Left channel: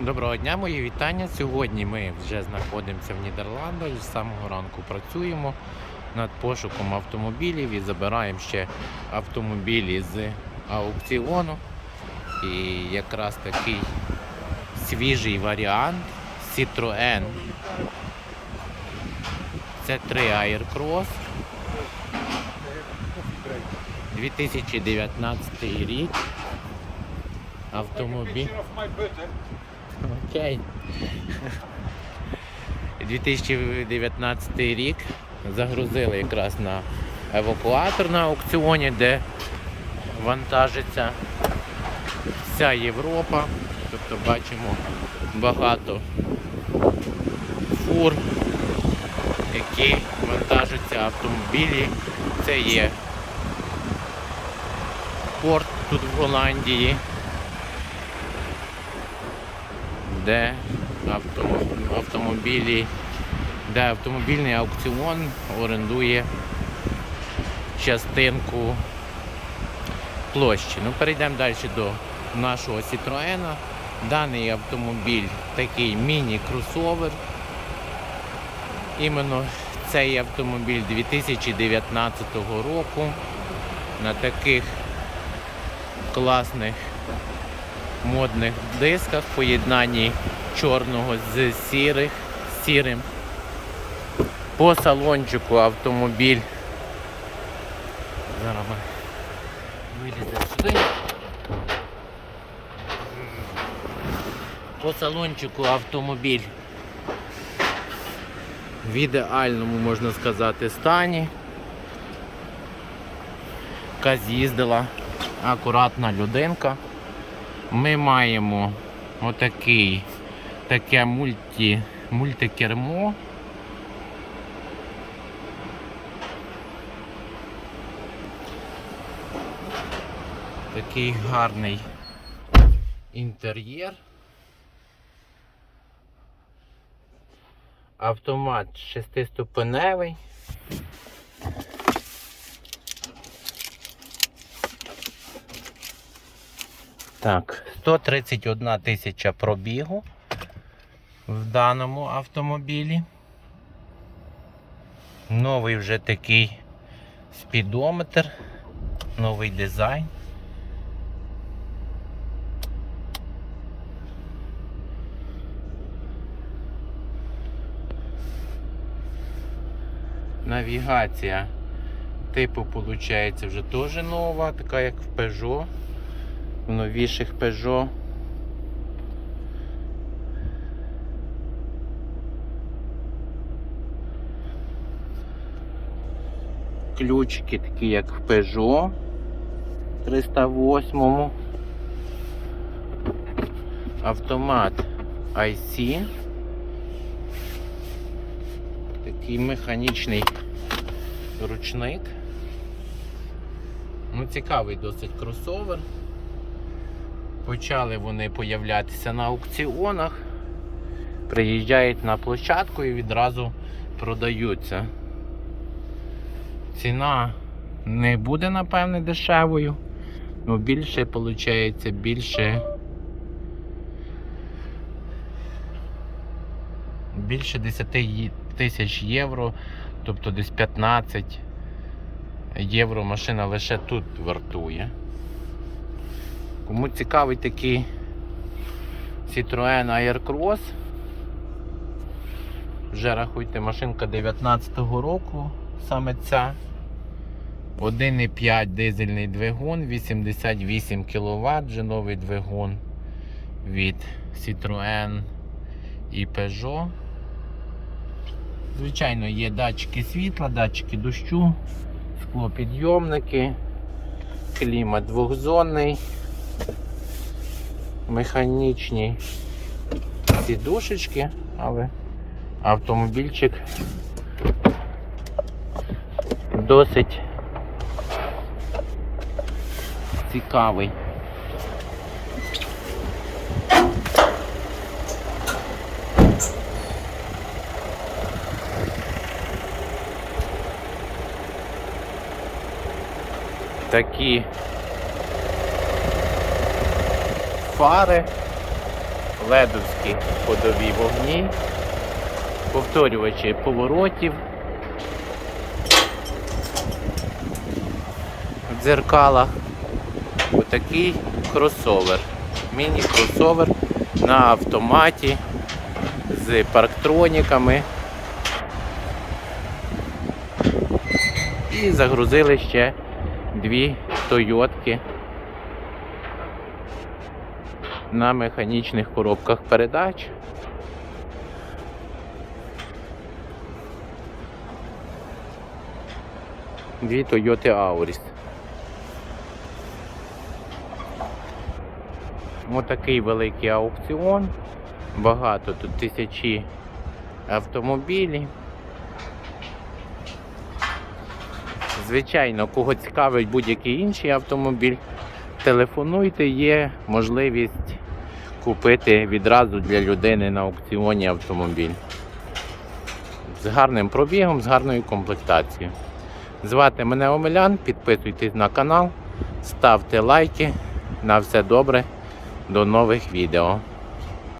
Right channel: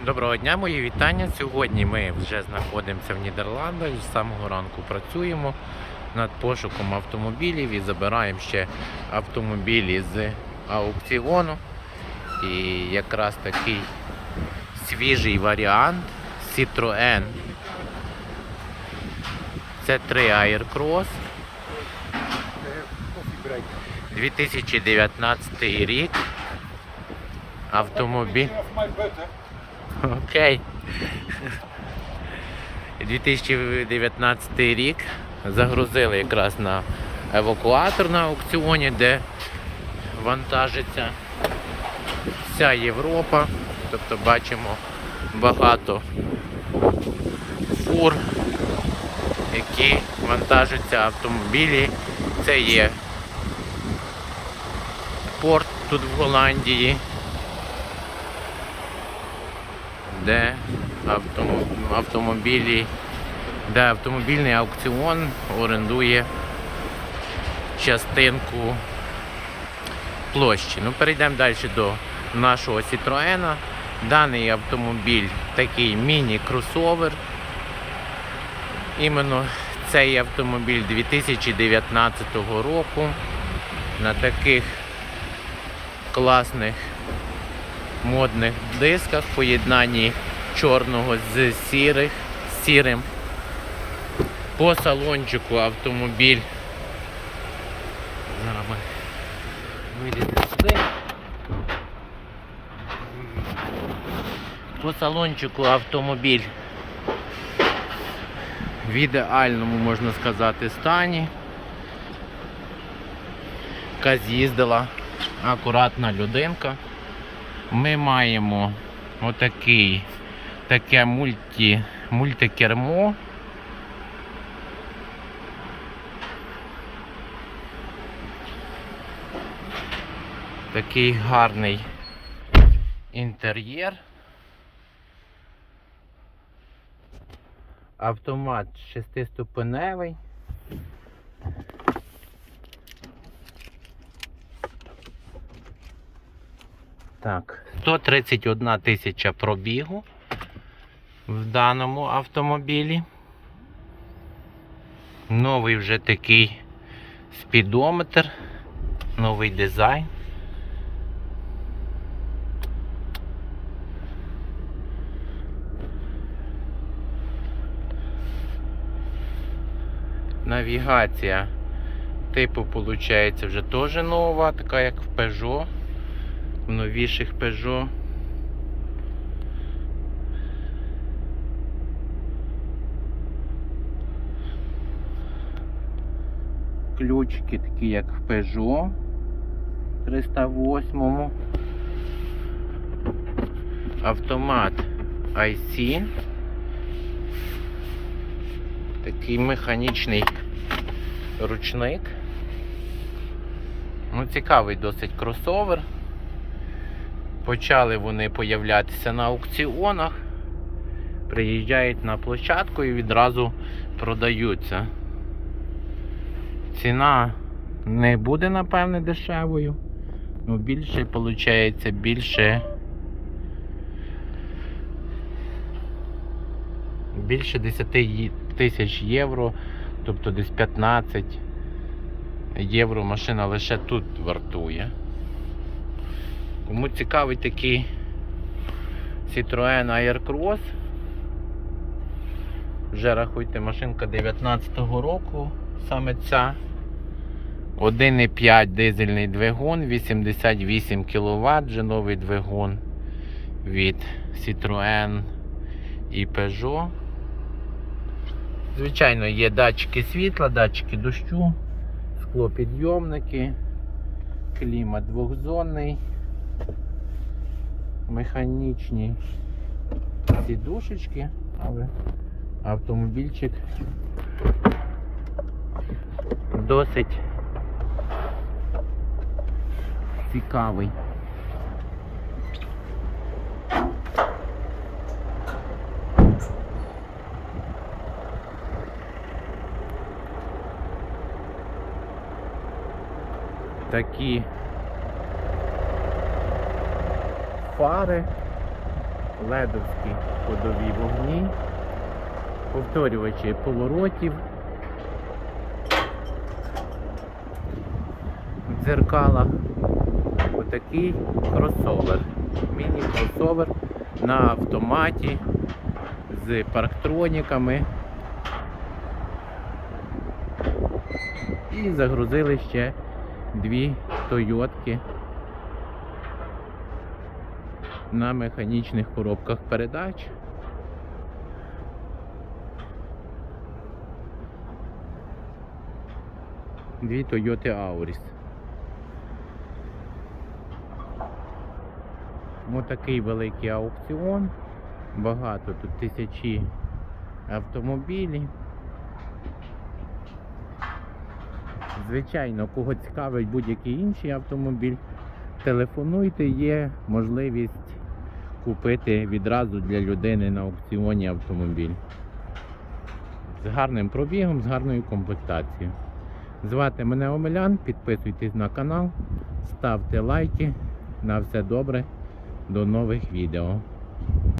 Доброго дня, мої вітання. Сьогодні ми вже знаходимося в Нідерландах. З самого ранку працюємо над пошуком автомобілів і забираємо ще автомобілі з аукціону. І якраз такий свіжий варіант Citroën. Це 3 Aircross. 2019 рік. Автомобіль. Окей. 2019 рік загрузили якраз на евакуатор на аукціоні, де вантажиться вся Європа. Тобто бачимо багато фур, які вантажаться автомобілі. Це є порт тут в Голландії де автомобілі, де автомобільний аукціон орендує частинку площі. Ну, перейдемо далі до нашого Citroena. Даний автомобіль такий міні-кросовер. Іменно цей автомобіль 2019 року на таких класних модних дисках в поєднанні чорного з сірих, сірим. По салончику автомобіль. Зараз ми виліземо сюди. По салончику автомобіль в ідеальному, можна сказати, стані. Яка з'їздила акуратна людинка ми маємо отакий, таке мульті, мультикермо. Такий гарний інтер'єр. Автомат шестиступеневий. Так, 131 тисяча пробігу в даному автомобілі. Новий вже такий спідометр, новий дизайн. Навігація типу, виходить, вже теж нова, така як в Peugeot в новіших Peugeot. Ключики такі, як в Peugeot 308. Автомат IC. Такий механічний ручник. Ну, цікавий досить кросовер. Почали вони появлятися на аукціонах, приїжджають на площадку і відразу продаються. Ціна не буде, напевне, дешевою. Ну, більше, виходить, більше. Більше 10 тисяч євро, тобто десь 15 євро машина лише тут вартує. Кому цікавий такий Citroën Aircross, вже рахуйте машинка 19-го року, саме ця. 1,5 дизельний двигун, 88 кВт, вже новий двигун від Citroën і Peugeot. Звичайно, є датчики світла, датчики дощу, склопідйомники, клімат двохзонний механічні сідушечки, але автомобільчик досить цікавий. Такі фари ледовські ходові вогні, повторювачі поворотів, в дзеркалах. Отакий кросовер. Міні-кросовер на автоматі з парктроніками. І загрузили ще дві Тойотки на механічних коробках передач. Дві Toyota Auris. Отакий великий аукціон. Багато тут тисячі автомобілів. Звичайно, кого цікавить будь-який інший автомобіль, телефонуйте, є можливість купити відразу для людини на аукціоні автомобіль. З гарним пробігом, з гарною комплектацією. Звати мене Омелян, підписуйтесь на канал, ставте лайки. На все добре. До нових відео.